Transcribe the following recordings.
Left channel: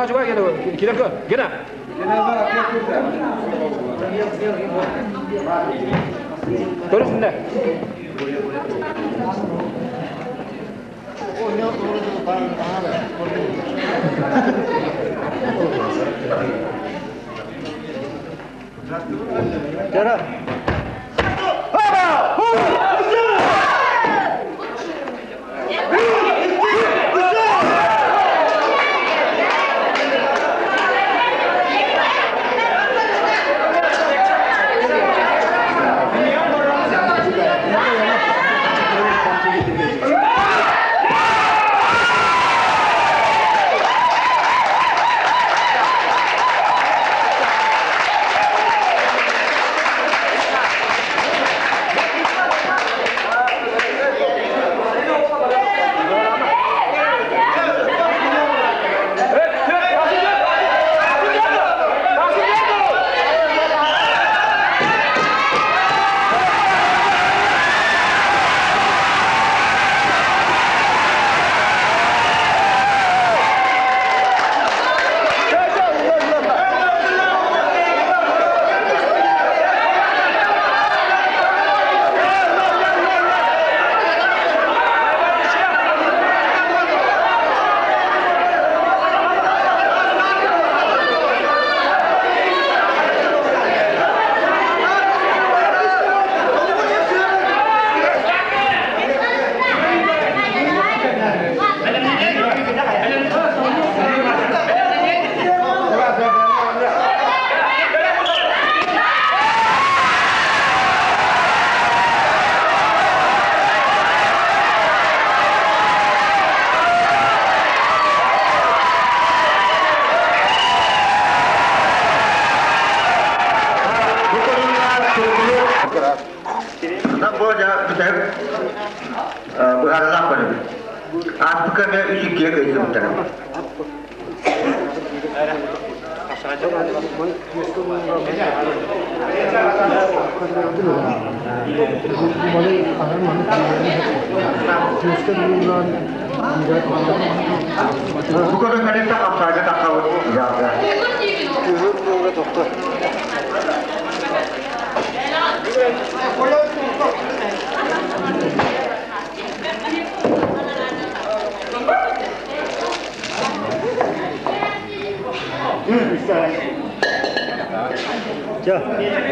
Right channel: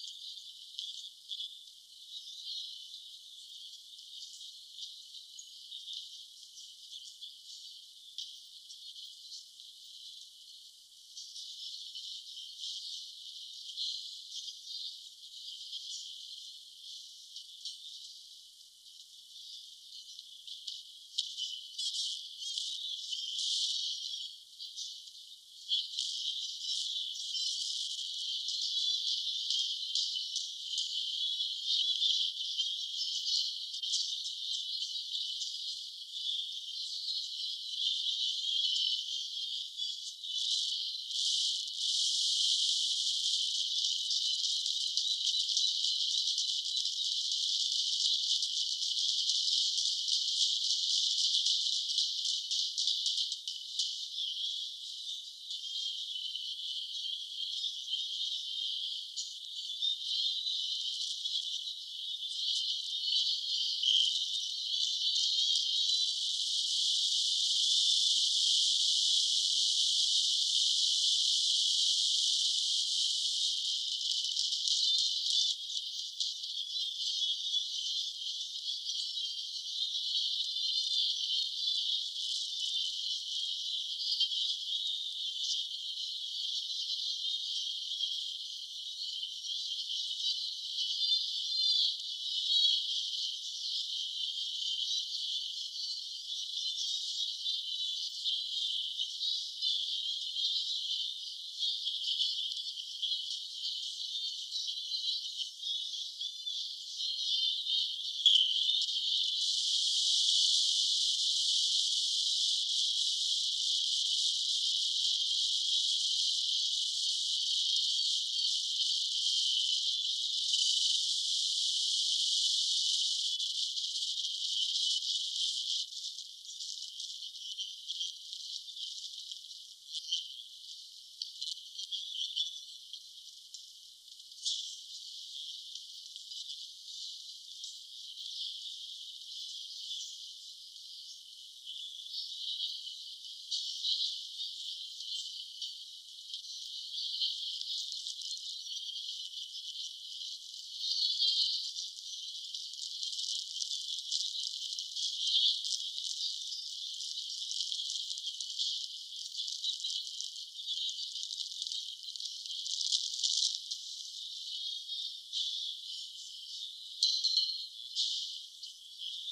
Juga kita ke, gena. Terus nih. Cara.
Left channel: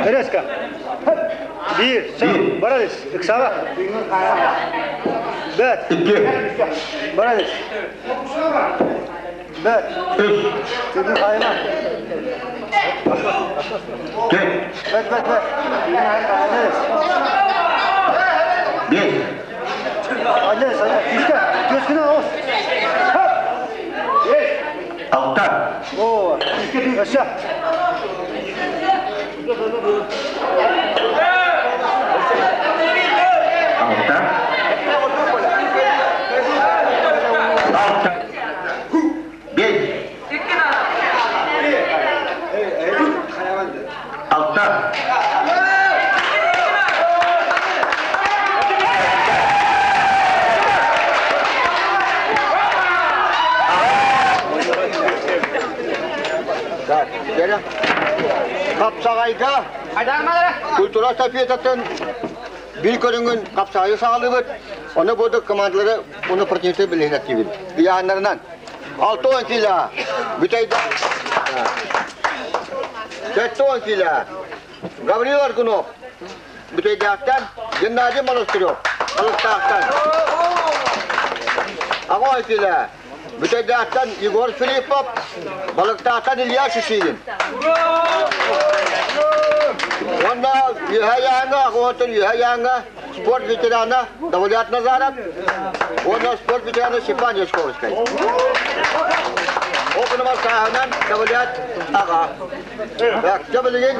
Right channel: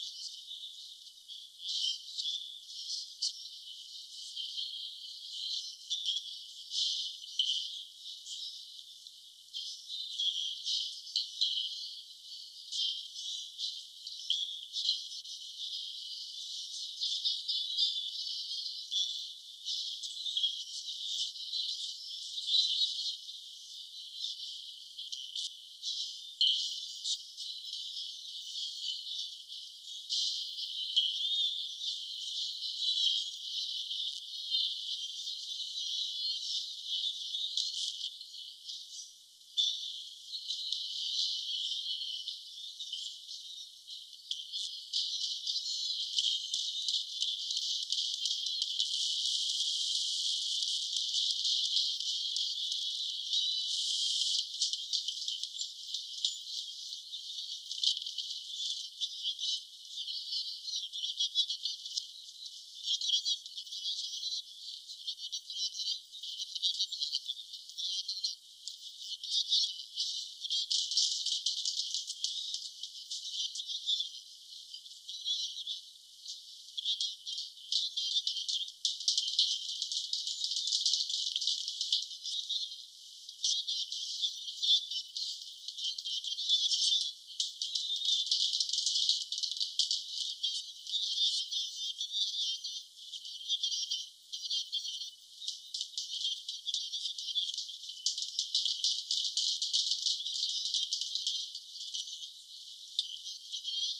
Bereska. Bir, sen, barades, iksava. Bet. Barades. Bet. Senin kayma. Bet. Barades. Bir. Barades, işte, gözüne os. Altta. Oo, aşağı. Kapsağayda Kultura Safiyat'ın bir körüngün kapsağayı sağlığı onu burada komandaları onu partiyete bilin aktivit. Diğerlerinden 6-10 kila büteyde 7-10 kila Gabriel Argunov büteyde aktan Gennady Monostrov Alastağ'tan 10 kila büteyde aktan Igor Filipov Balıktağ'tan İlyas Şişilin. Onda Yahayanga, Hotel Yahayanga, sport veterana, Davlat Nazarat, Ono sport veterana Şipan Yoskovskay. Okunma sahanan Davlat Aga. Bak, çabalayin.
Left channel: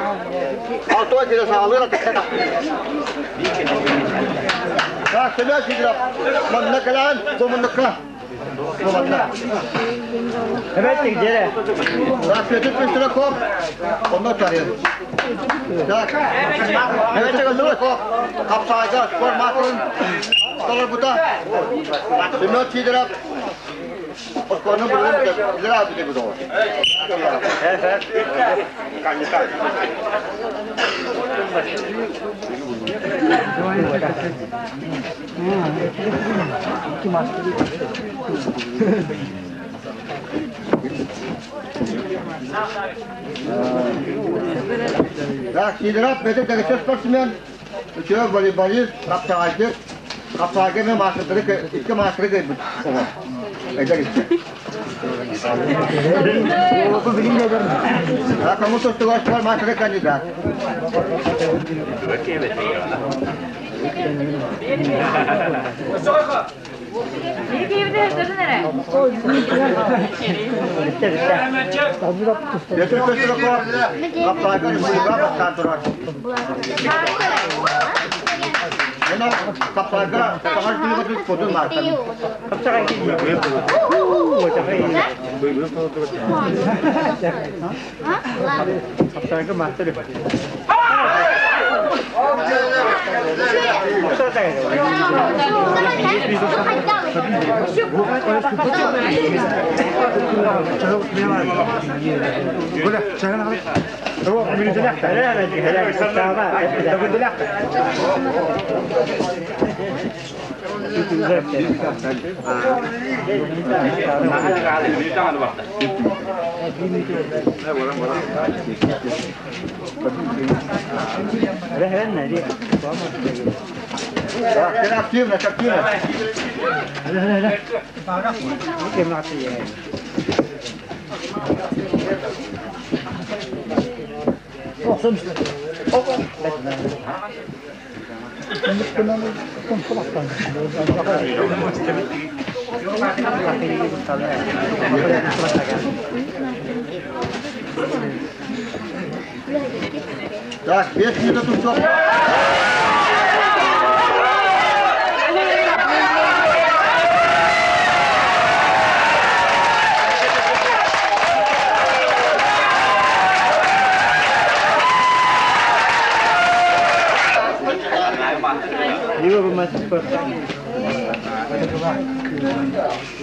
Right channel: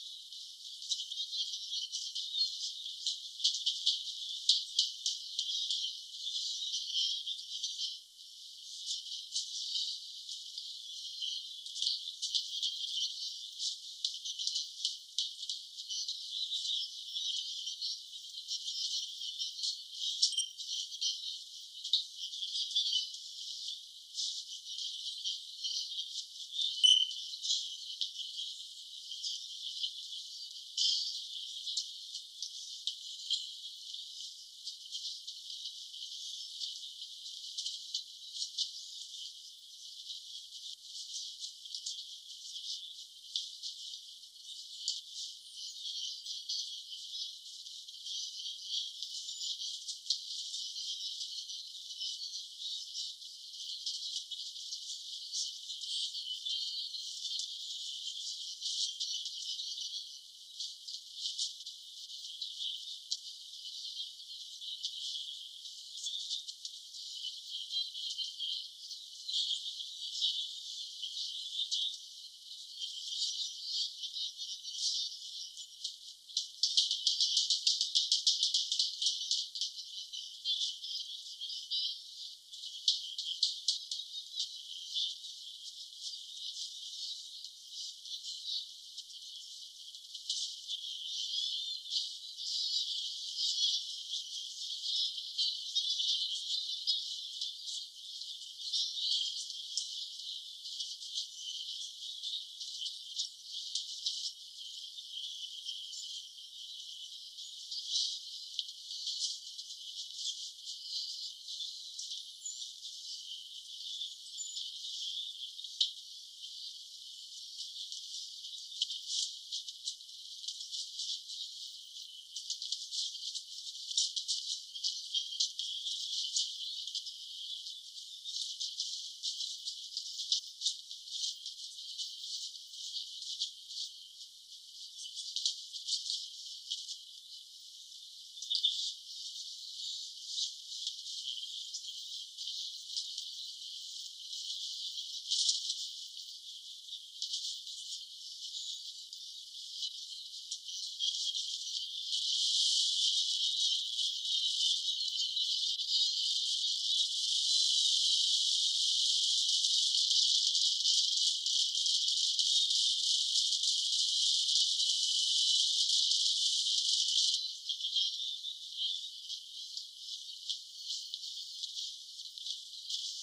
6 ay kere sağlığı atıkta. Bak, sana şiddet. Manna kalan, bu manna. Evet, gel. Bak, kötü bir süre kop. Ondan çağırıyorum. Bak, evet, çıkın kop. Kapsayacağız, spor makron. Sonra bu da. Şimdi şiddet. Osman'ın bölümünde ileri abi de bu da var. Evet. Bak, şiddet benim de geçiş sportsmen. Üçüyor voleybolist, kapsayıcı ve maçları, iki maçları gelmiş. Eda gitti. Kamu tutuyor spor maçları kandidat. Yeter köşede kop. Kapsayıcı kulübe başkan durar. Yana kapsayıcı kulübe kodun marka. Kapsayıcı master. Так, 5 минут уйдет.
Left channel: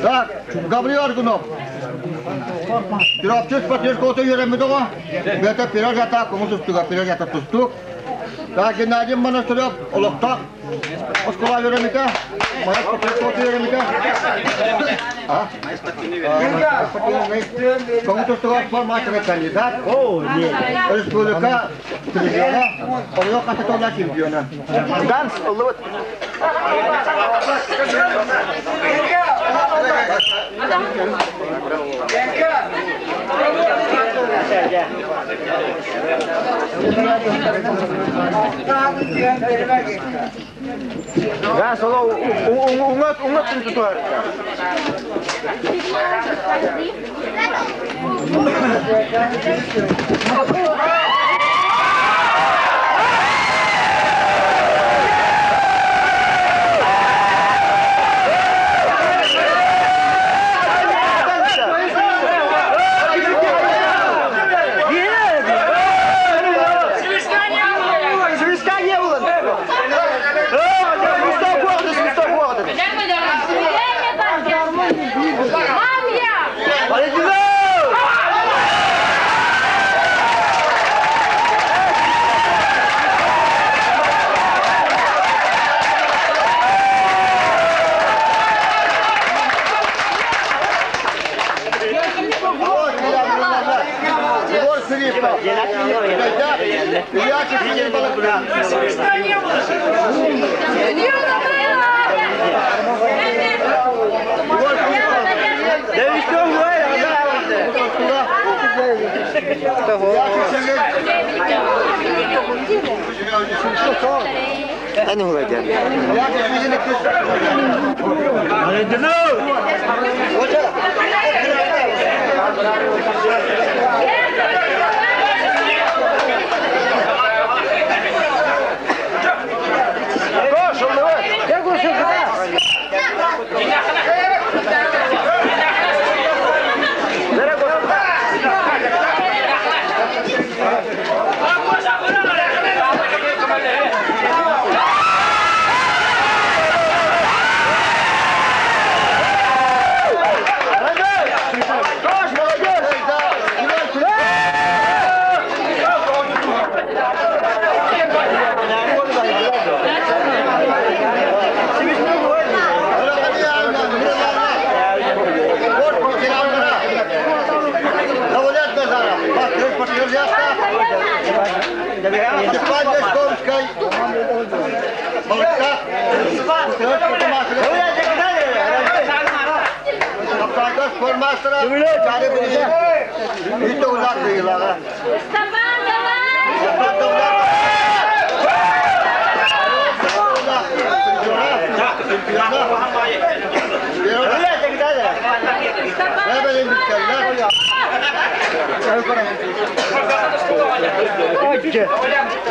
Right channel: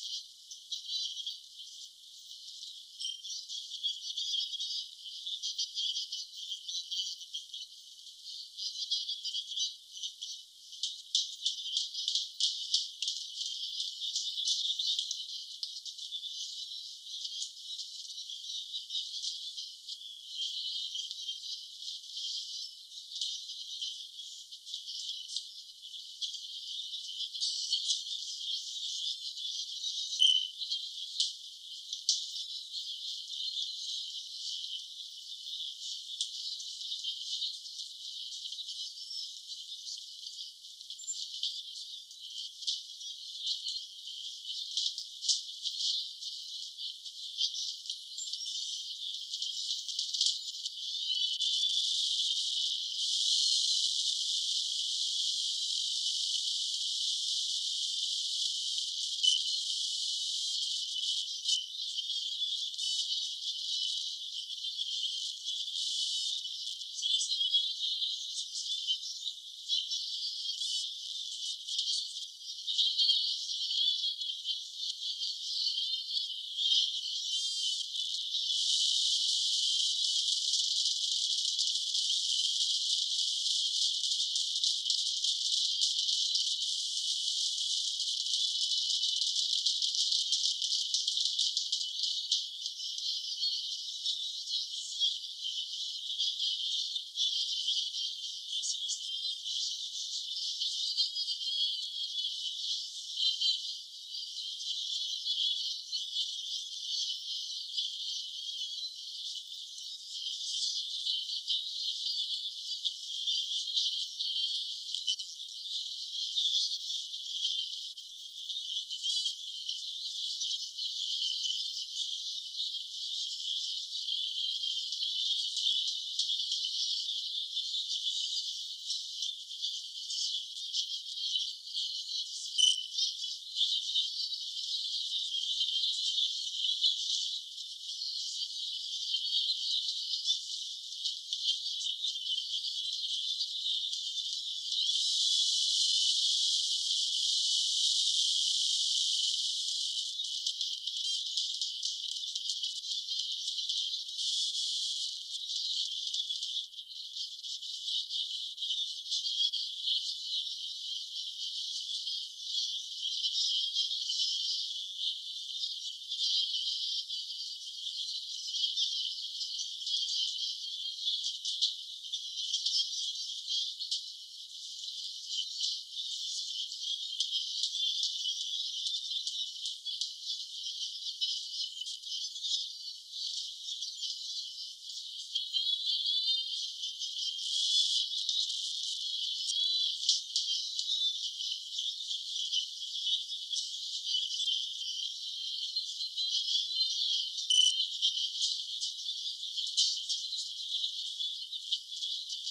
Так, Гаврил Аргунов. Тирапчы спортивный коты йөрәмәде га. Бәтә пираж ята, комуз устуга пираж ята тустук. Так, Геннадий Монастырев, Олоктак. Оскола йөрәмәде. Мая спортивный коты йөрәмәде. Комуз устуга формация кандидат. О, нет. Республика Трибуна. Олоқ кататола чемпиона. Ганс Олот. Ya solo ungat itu harus. Hani huwa gel. Ya bizim de kız. Hadi dino. Hoca. Itu ulat lah. Ide. Ide.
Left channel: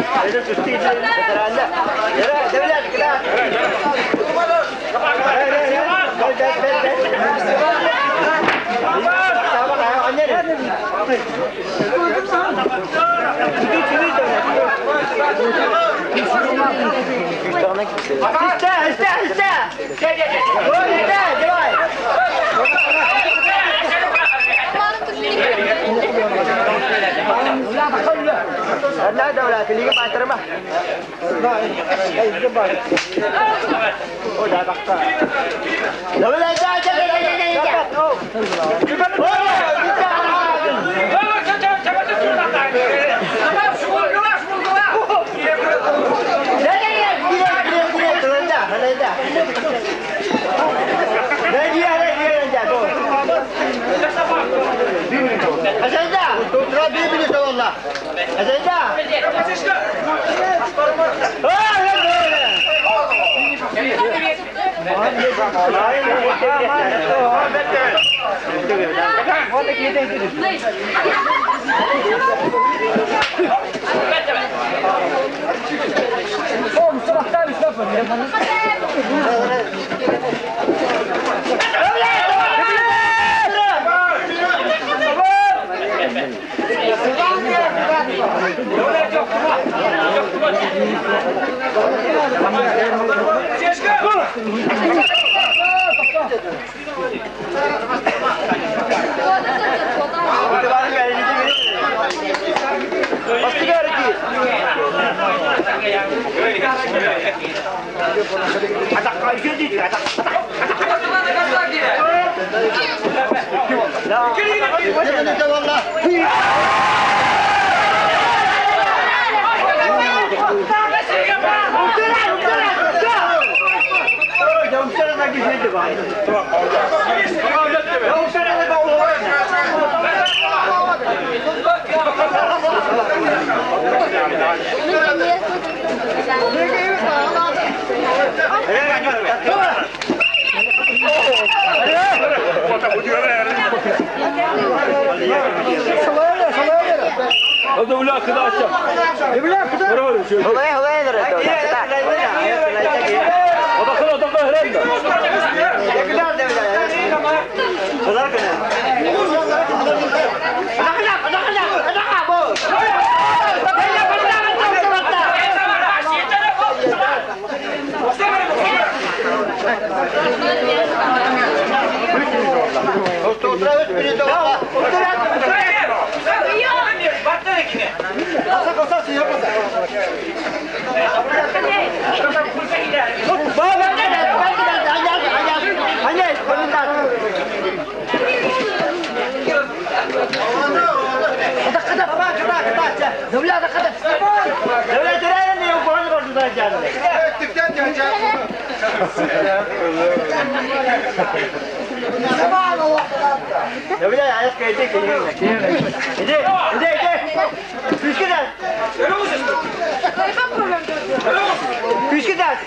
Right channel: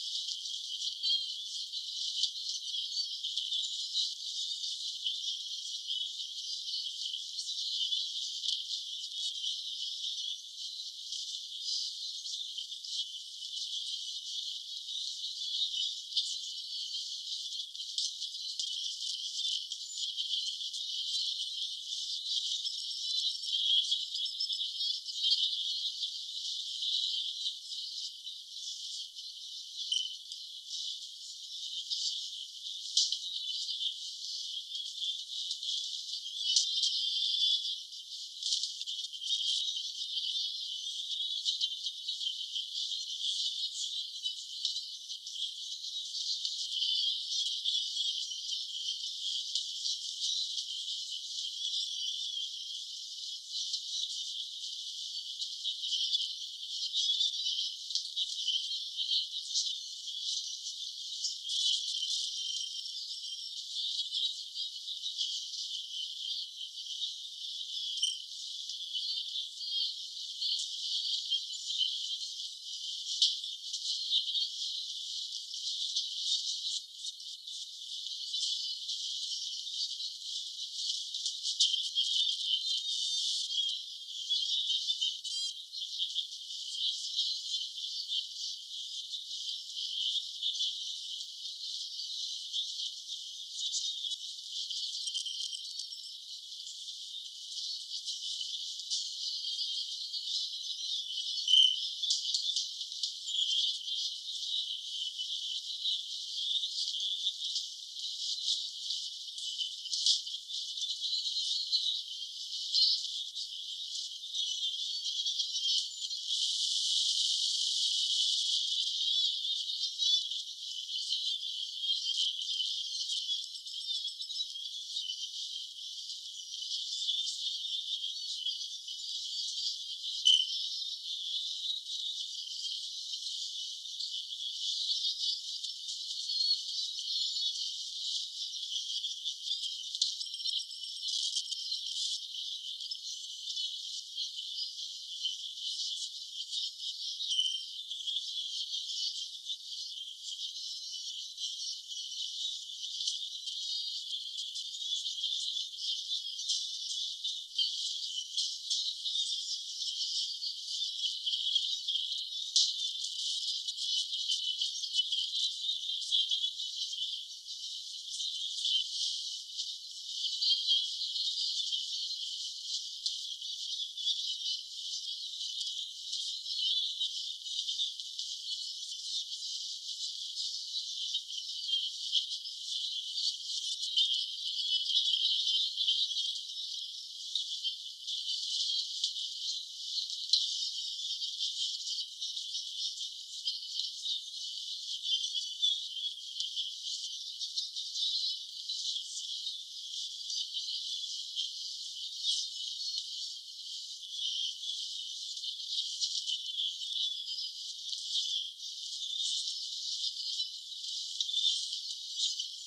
Küçük ders.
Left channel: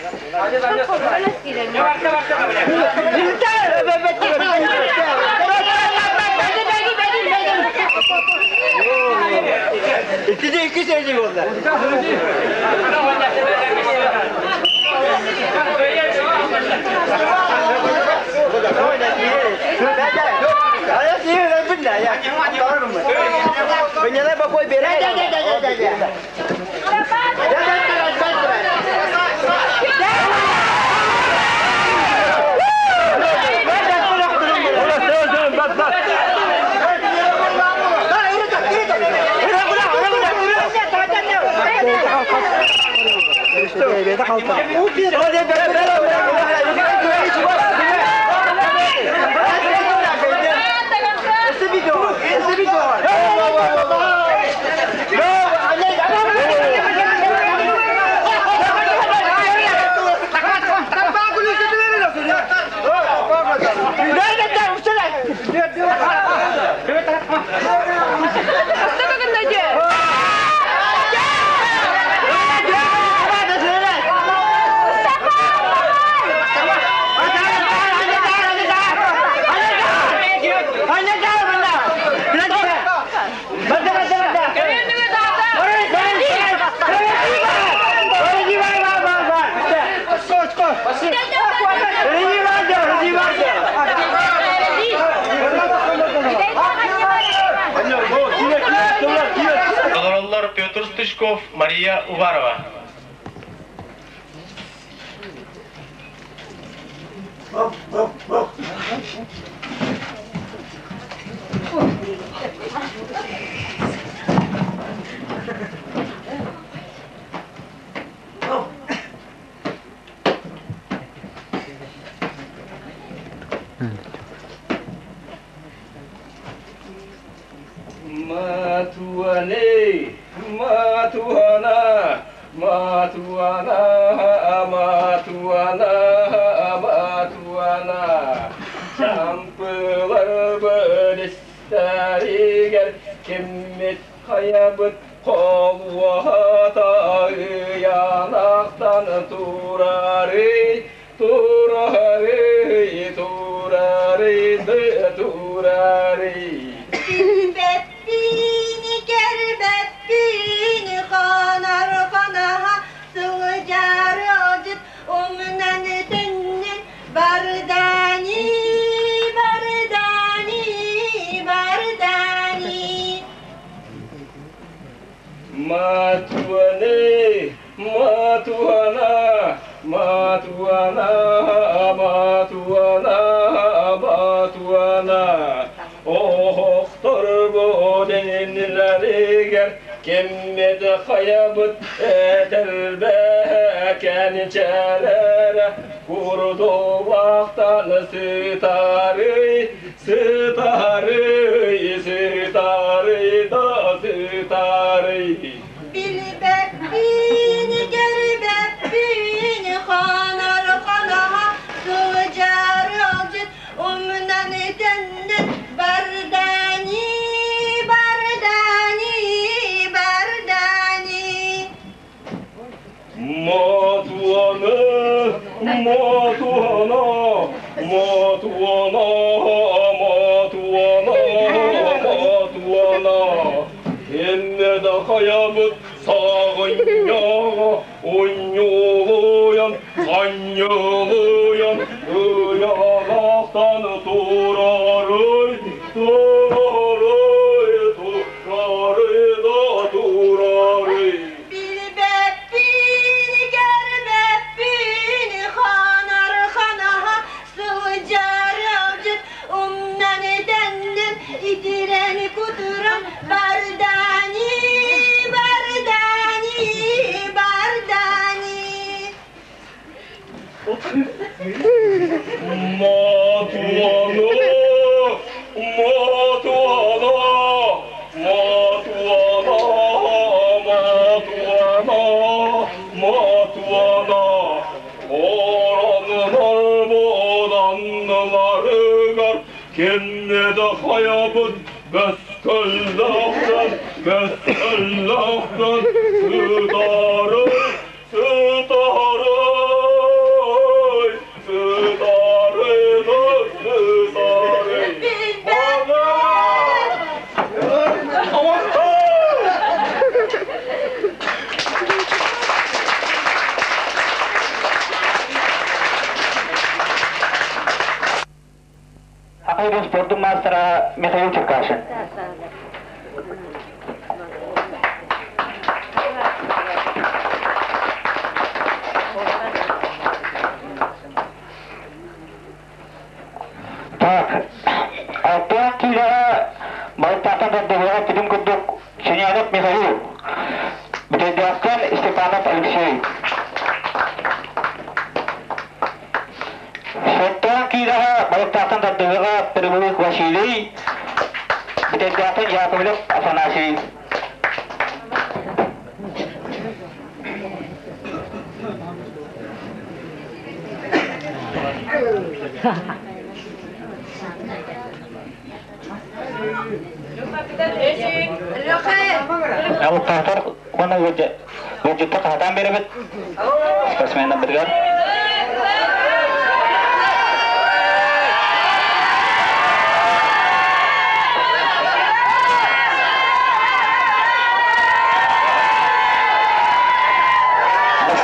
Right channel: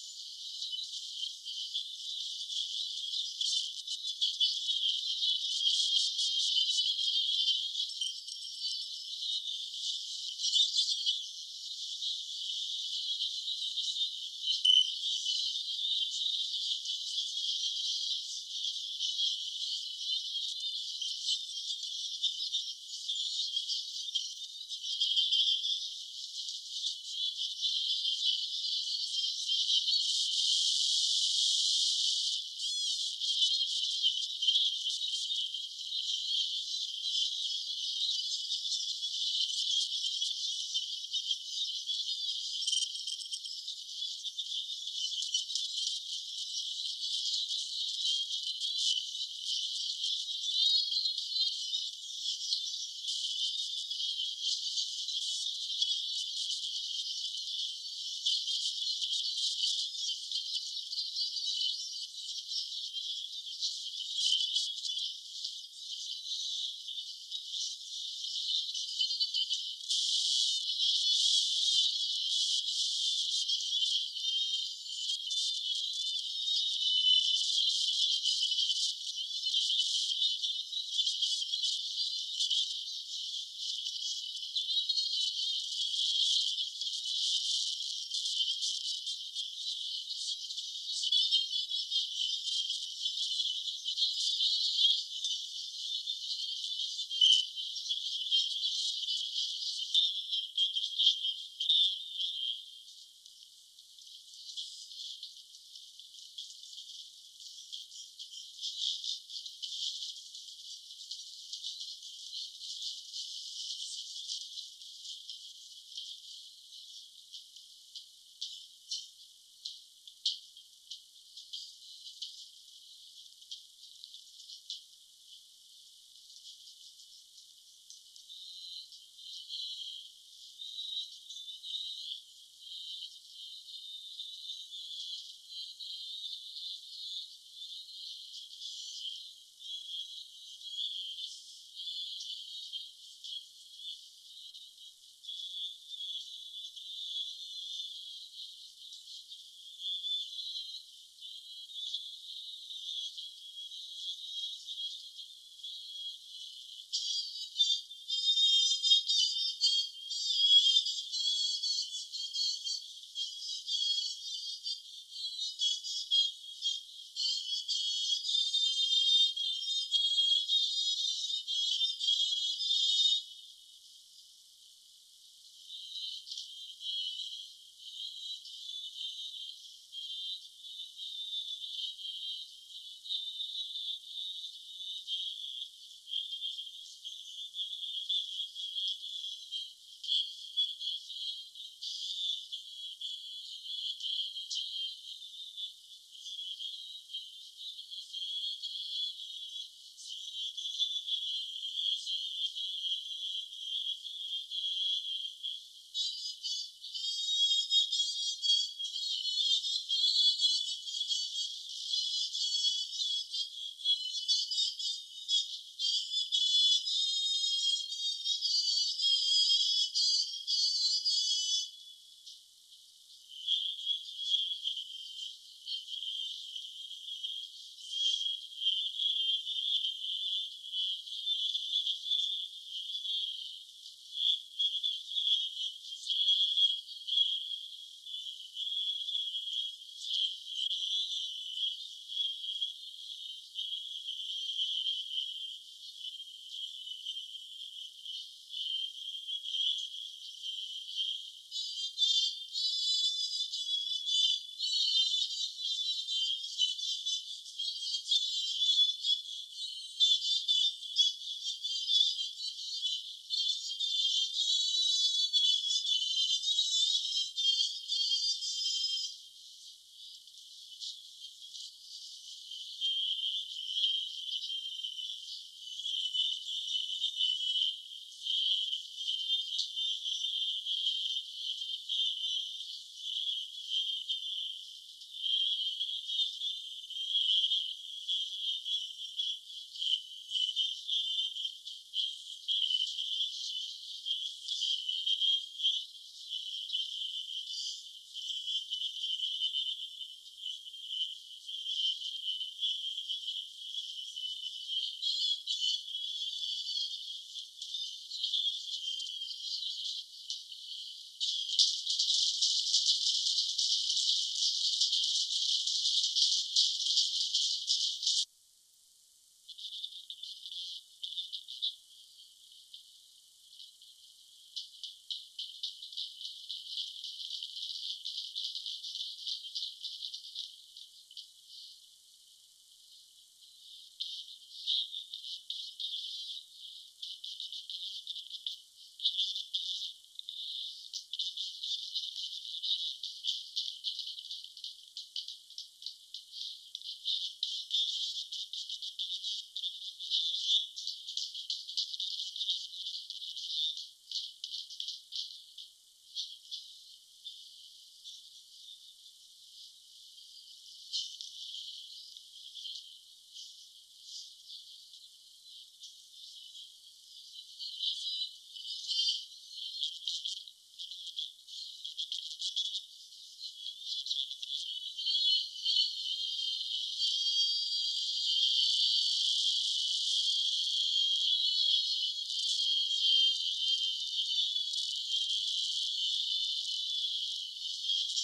İki seyirci oldu. Ayah sih, benar ya. Benyala bakoy beres. Петр Стычков, Мария Уварова. Allah'tan, Allah'tan, мастера Михаил Черкашин. Так, алтын килера Байтатан даддыгыга тидим курдук Синянов Михаил. Бедедяктан Степанов Алексей. Шеттан килера Байтатан даддыгыга Перевых Василий. Бедедяктан Яковлев Афанасий. Aku kantor mana wujud tak hatam berebet. Spesimen bergar.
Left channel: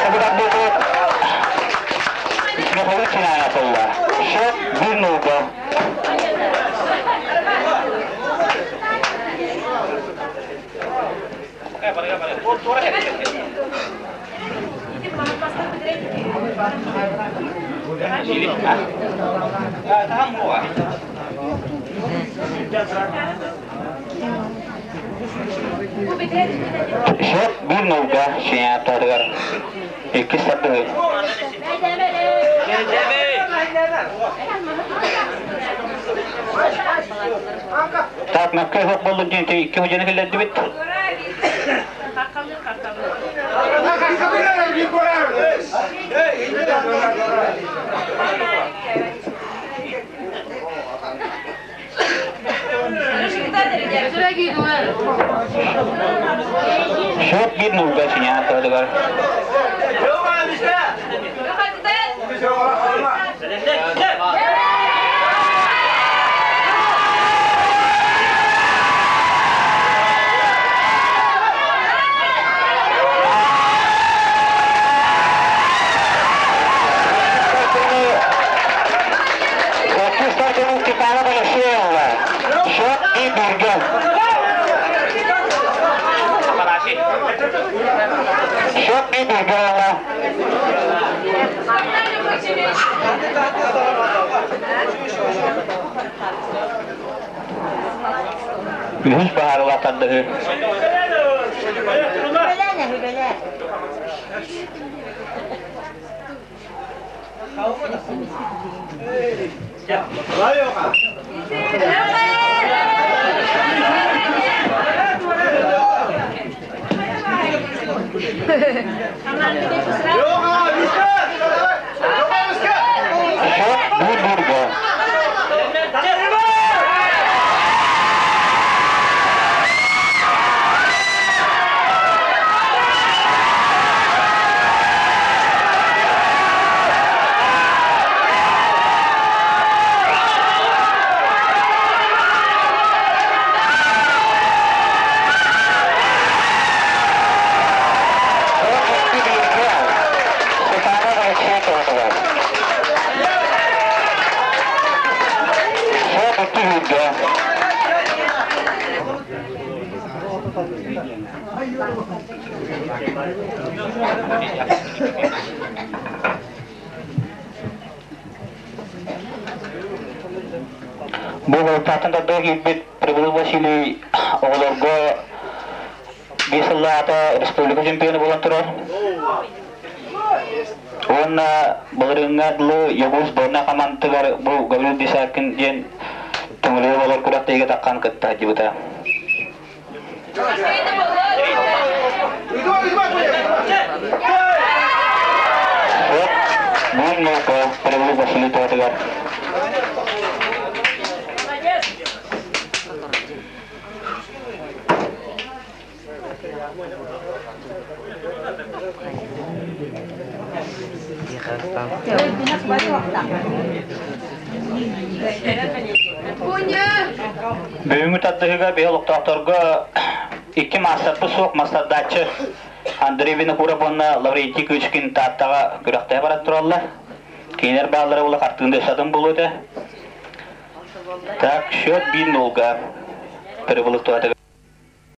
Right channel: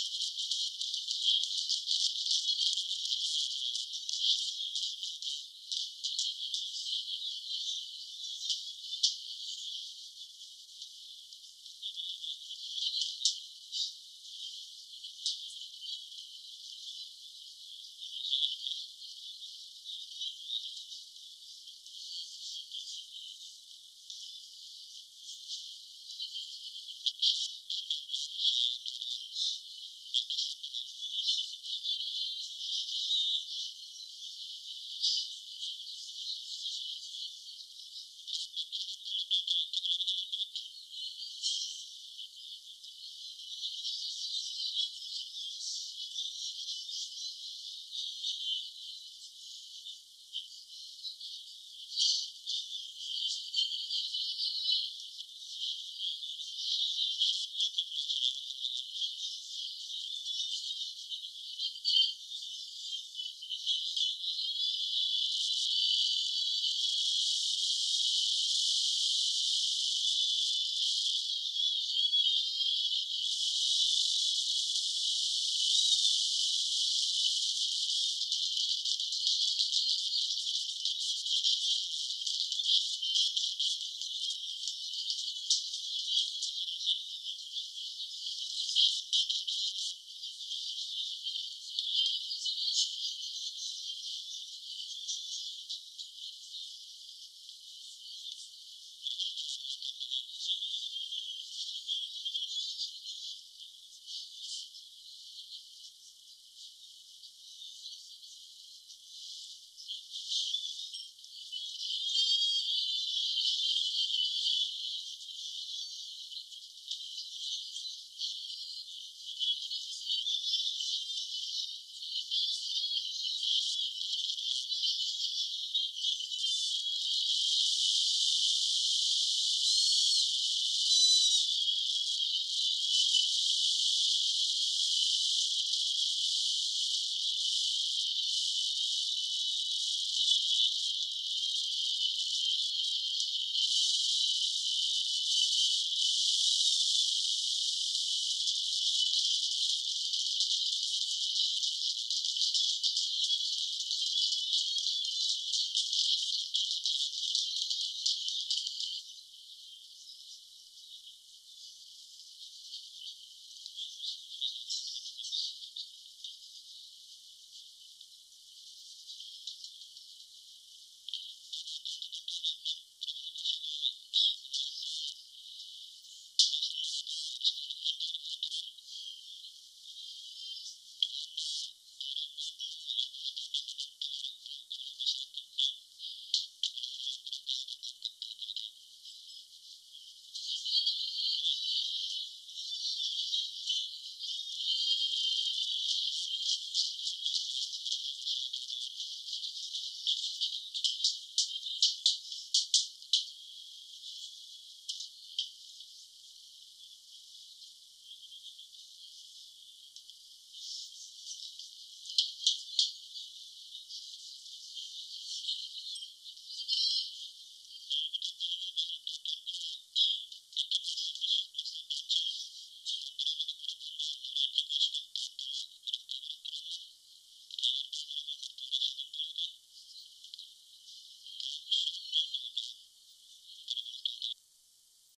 Seberat betul. Ini kalau Cina apa ya? Shop bunuh kau. Shop bunuh kau siapa dengar? İki satu. Tak nak kehok bolu jadi iki hujan kelihatan duit. Shop bunuh kau siapa dengar? Ini baru akan deh. Bu tatan tadda hibit Prabhu Vasili Olorgo Gisela atau Republika Champion bulan terus. Ona beringat lu Yobus Bona kaman tegar bu gabil disakin jen tunggu olor kudat tiga takkan ketah juta. Bunga ko Prabhu Vasili tegar. Büyüğü tatlıyga beyoluk doktorga iki masar pusuk masar daçı Andrevini kura bonna lavrenti küçkin tattaga güraktaya barat turallar. Keyner bağlara ula kartığında esadım buludu. Так, счет 1-0. Перебылык туатыгы